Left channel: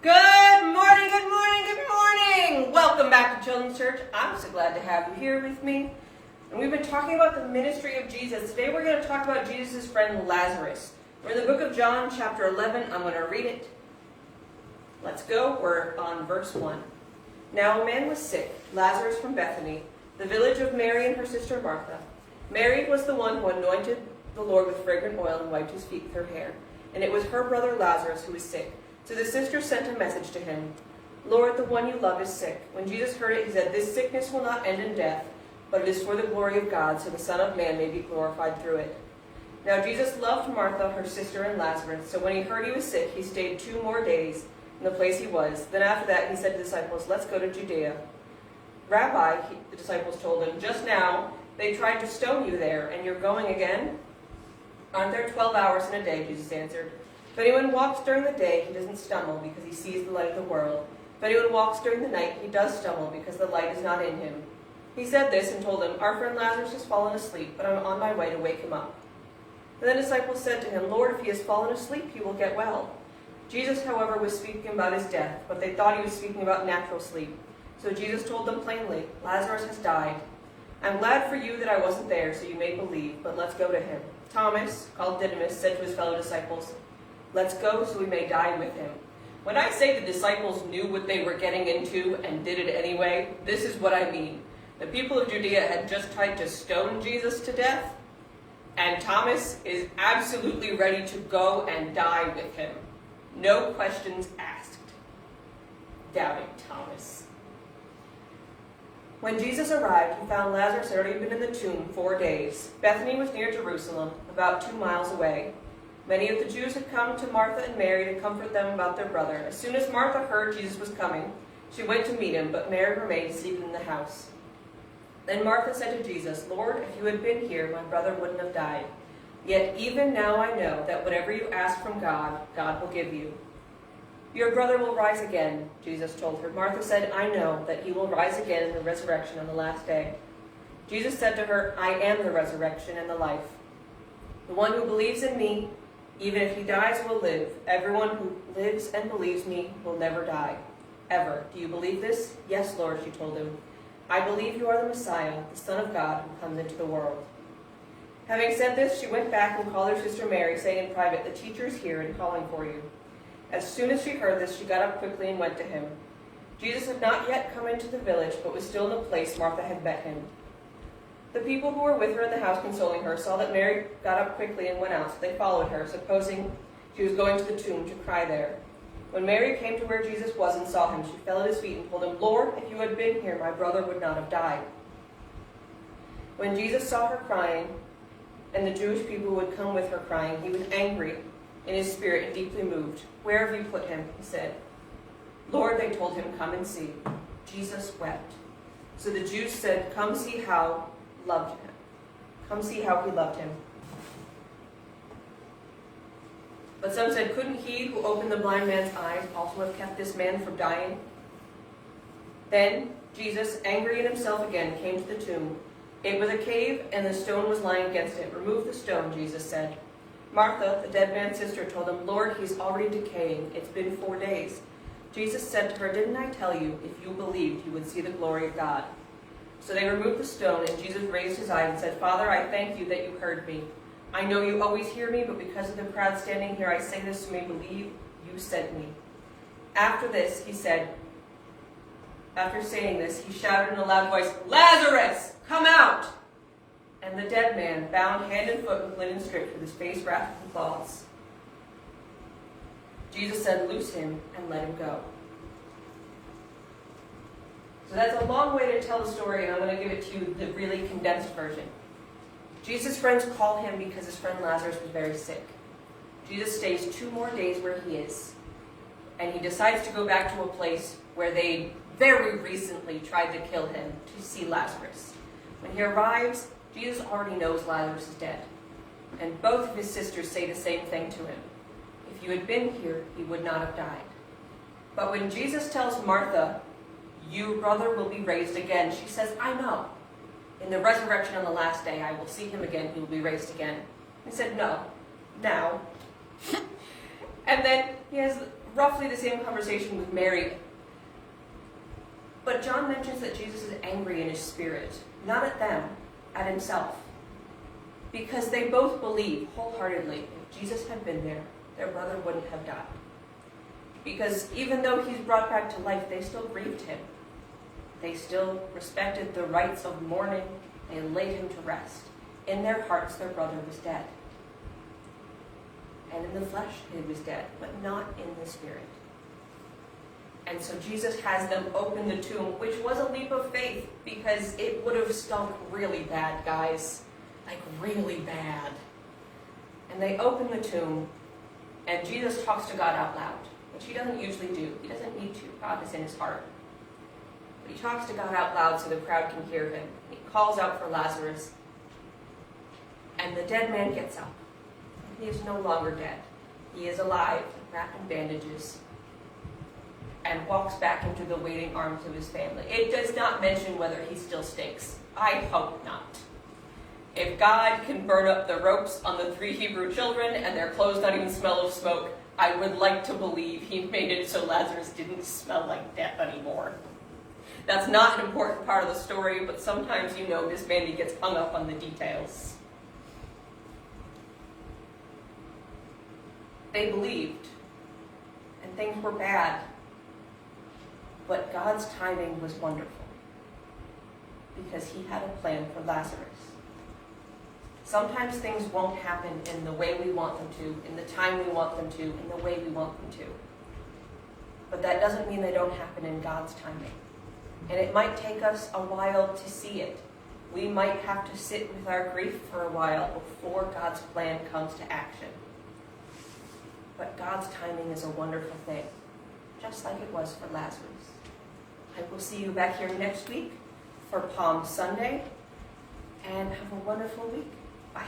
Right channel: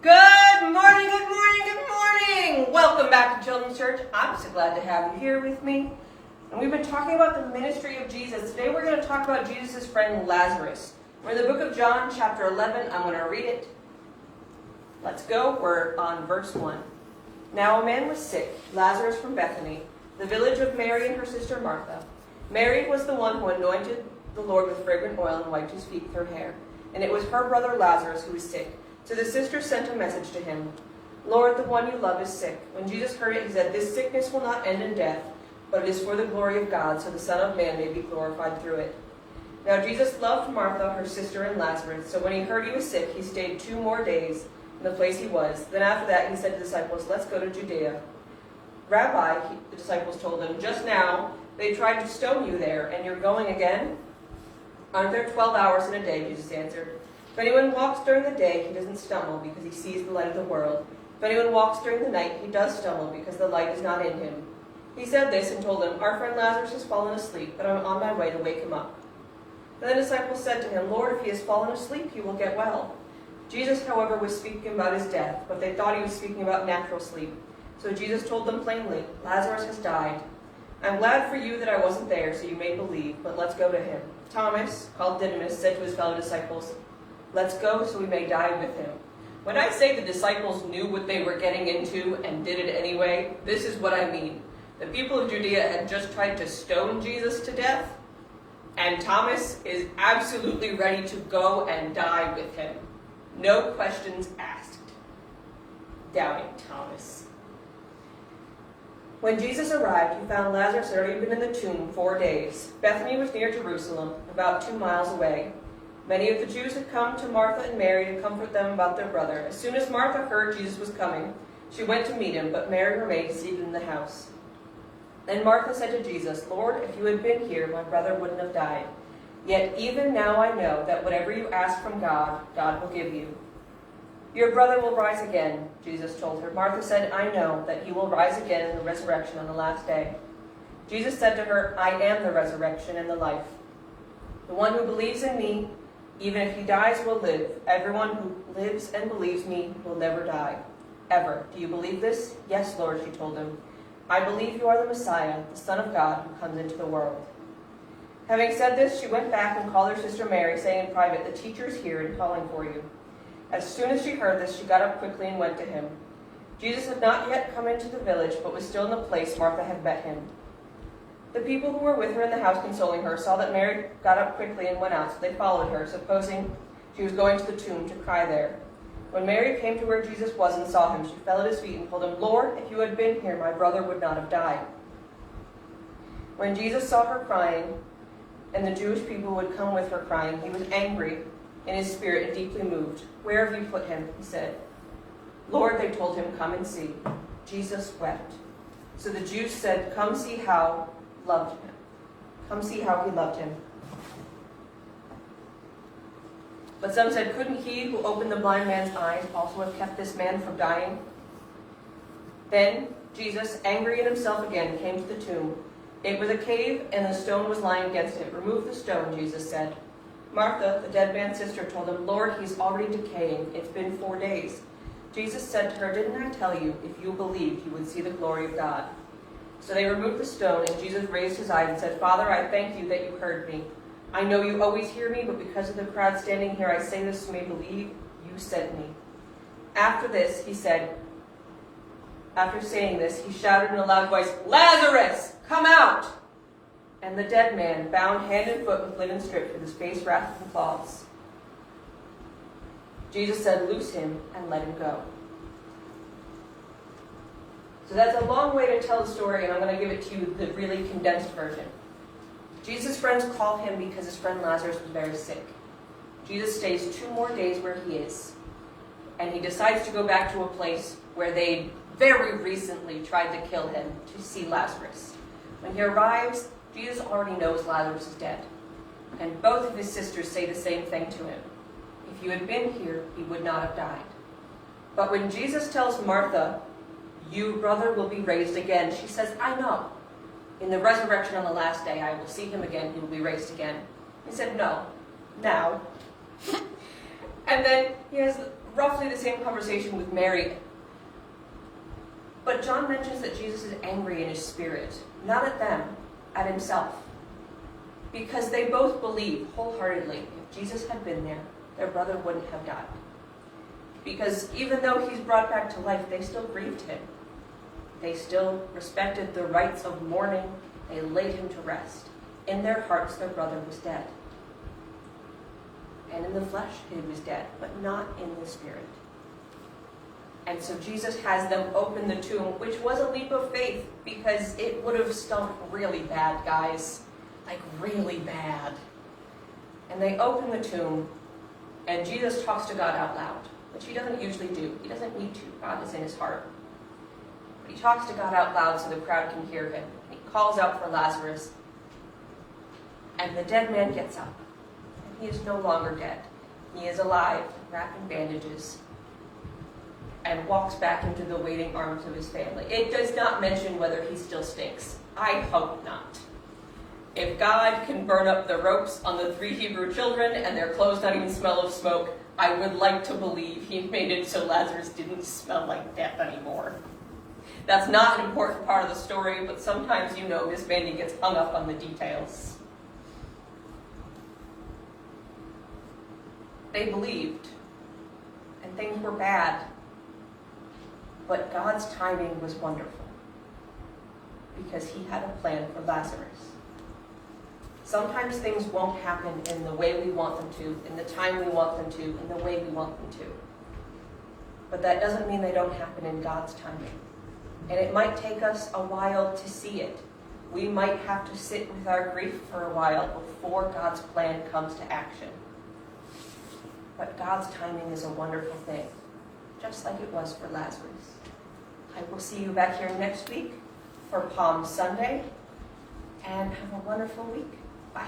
Good morning, good morning, good morning! Welcome back to Children's Church. I'm so glad to have you here with me. And we've been talking about the ministry of Jesus. Today we're going to talk about Jesus' friend Lazarus. We're in the book of John, chapter 11. I'm going to read it. Let's go. We're on verse 1. Now a man was sick, Lazarus from Bethany, the village of Mary and her sister Martha. Mary was the one who anointed the Lord with fragrant oil and wiped his feet with her hair. And it was her brother Lazarus who was sick. So the sister sent a message to him, Lord, the one you love is sick. When Jesus heard it, he said, This sickness will not end in death, but it is for the glory of God, so the Son of Man may be glorified through it. Now Jesus loved Martha, her sister, and Lazarus. So when he heard he was sick, he stayed 2 more days in the place he was. Then after that, he said to the disciples, Let's go to Judea. Rabbi, the disciples told him, Just now they tried to stone you there, and you're going again? Aren't there 12 hours in a day? Jesus answered. If anyone walks during the day, he doesn't stumble because he sees the light of the world. If anyone walks during the night, he does stumble because the light is not in him. He said this and told them, Our friend Lazarus has fallen asleep, but I'm on my way to wake him up. Then the disciples said to him, Lord, if he has fallen asleep, he will get well. Jesus, however, was speaking about his death, but they thought he was speaking about natural sleep. So Jesus told them plainly, Lazarus has died. I'm glad for you that I wasn't there, so you may believe, but let's go to him. Thomas, called Didymus, said to his fellow disciples, Let's go so we may die with him. When I say the disciples knew what they were getting into and did it anyway, this is what I mean. The people of Judea had just tried to stone Jesus to death, and Thomas is absolutely ready to go and die with him. No questions asked. Doubting Thomas. When Jesus arrived, he found Lazarus had already been in the tomb 4 days. Bethany was near Jerusalem, about 2 miles away. Many of the Jews had come to Martha and Mary to comfort them about their brother. As soon as Martha heard Jesus was coming, she went to meet him, but Mary remained seated in the house. Then Martha said to Jesus, Lord, if you had been here, my brother wouldn't have died. Yet even now I know that whatever you ask from God, God will give you. Your brother will rise again, Jesus told her. Martha said, I know that he will rise again in the resurrection on the last day. Jesus said to her, I am the resurrection and the life. The one who believes in me, even if he dies, will live. Everyone who lives and believes me will never die. Ever. Do you believe this? Yes, Lord, she told him. I believe you are the Messiah, the Son of God, who comes into the world. Having said this, she went back and called her sister Mary, saying in private, The teacher is here and calling for you. As soon as she heard this, she got up quickly and went to him. Jesus had not yet come into the village, but was still in the place Martha had met him. The people who were with her in the house consoling her saw that Mary got up quickly and went out, so they followed her, supposing she was going to the tomb to cry there. When Mary came to where Jesus was and saw him, she fell at his feet and told him, Lord, if you had been here, my brother would not have died. When Jesus saw her crying, and the Jewish people who had come with her crying, he was angry in his spirit and deeply moved. Where have you put him? He said. Lord, they told him, come and see. Jesus wept. So the Jews said, Come see how loved him. Come see how he loved him. But some said, Couldn't he who opened the blind man's eyes also have kept this man from dying? Then Jesus, angry at himself again, came to the tomb. It was a cave, and the stone was lying against it. Remove the stone, Jesus said. Martha, the dead man's sister, told him, Lord, he's already decaying. It's been 4 days. Jesus said to her, Didn't I tell you, if you believed, you would see the glory of God? So they removed the stone, and Jesus raised his eyes and said, Father, I thank you that you heard me. I know you always hear me, but because of the crowd standing here, I say this so you may believe you sent me. After saying this, he shouted in a loud voice, Lazarus, come out! And the dead man, bound hand and foot with linen strips, with his face wrapped in cloths. Jesus said, Loose him and let him go. So that's a long way to tell the story, and I'm going to give it to you the really condensed version. Jesus' friends call him because his friend Lazarus was very sick. Jesus stays 2 more days where he is, and he decides to go back to a place where they very recently tried to kill him to see Lazarus. When he arrives, Jesus already knows Lazarus is dead, and both of his sisters say the same thing to him. If you had been here, he would not have died. But when Jesus tells Martha, Your brother will be raised again, she says, I know. In the resurrection on the last day, I will see him again, he will be raised again. He said, No, now. And then he has roughly the same conversation with Mary. But John mentions that Jesus is angry in his spirit, not at them, at himself. Because they both believe wholeheartedly if Jesus had been there, their brother wouldn't have died. Because even though he's brought back to life, they still grieved him. They still respected the rites of mourning. They laid him to rest. In their hearts, their brother was dead. And in the flesh, he was dead, but not in the spirit. And so Jesus has them open the tomb, which was a leap of faith, because it would have stunk really bad, guys. Like, really bad. And they open the tomb, and Jesus talks to God out loud, which he doesn't usually do. He doesn't need to. God is in his heart. But he talks to God out loud so the crowd can hear him. He calls out for Lazarus, and the dead man gets up. And he is no longer dead. He is alive, wrapped in bandages, and walks back into the waiting arms of his family. It does not mention whether he still stinks. I hope not. If God can burn up the ropes on the 3 Hebrew children and their clothes not even smell of smoke, I would like to believe he made it so Lazarus didn't smell like death anymore. That's not an important part of the story, but sometimes, you know, Ms Mandy gets hung up on the details. They believed, and things were bad, but God's timing was wonderful, because he had a plan for Lazarus. Sometimes things won't happen in the way we want them to, in the time we want them to, in the way we want them to. But that doesn't mean they don't happen in God's timing. And it might take us a while to see it. We might have to sit with our grief for a while before God's plan comes to action. But God's timing is a wonderful thing, just like it was for Lazarus. I will see you back here next week for Palm Sunday, and have a wonderful week. Bye.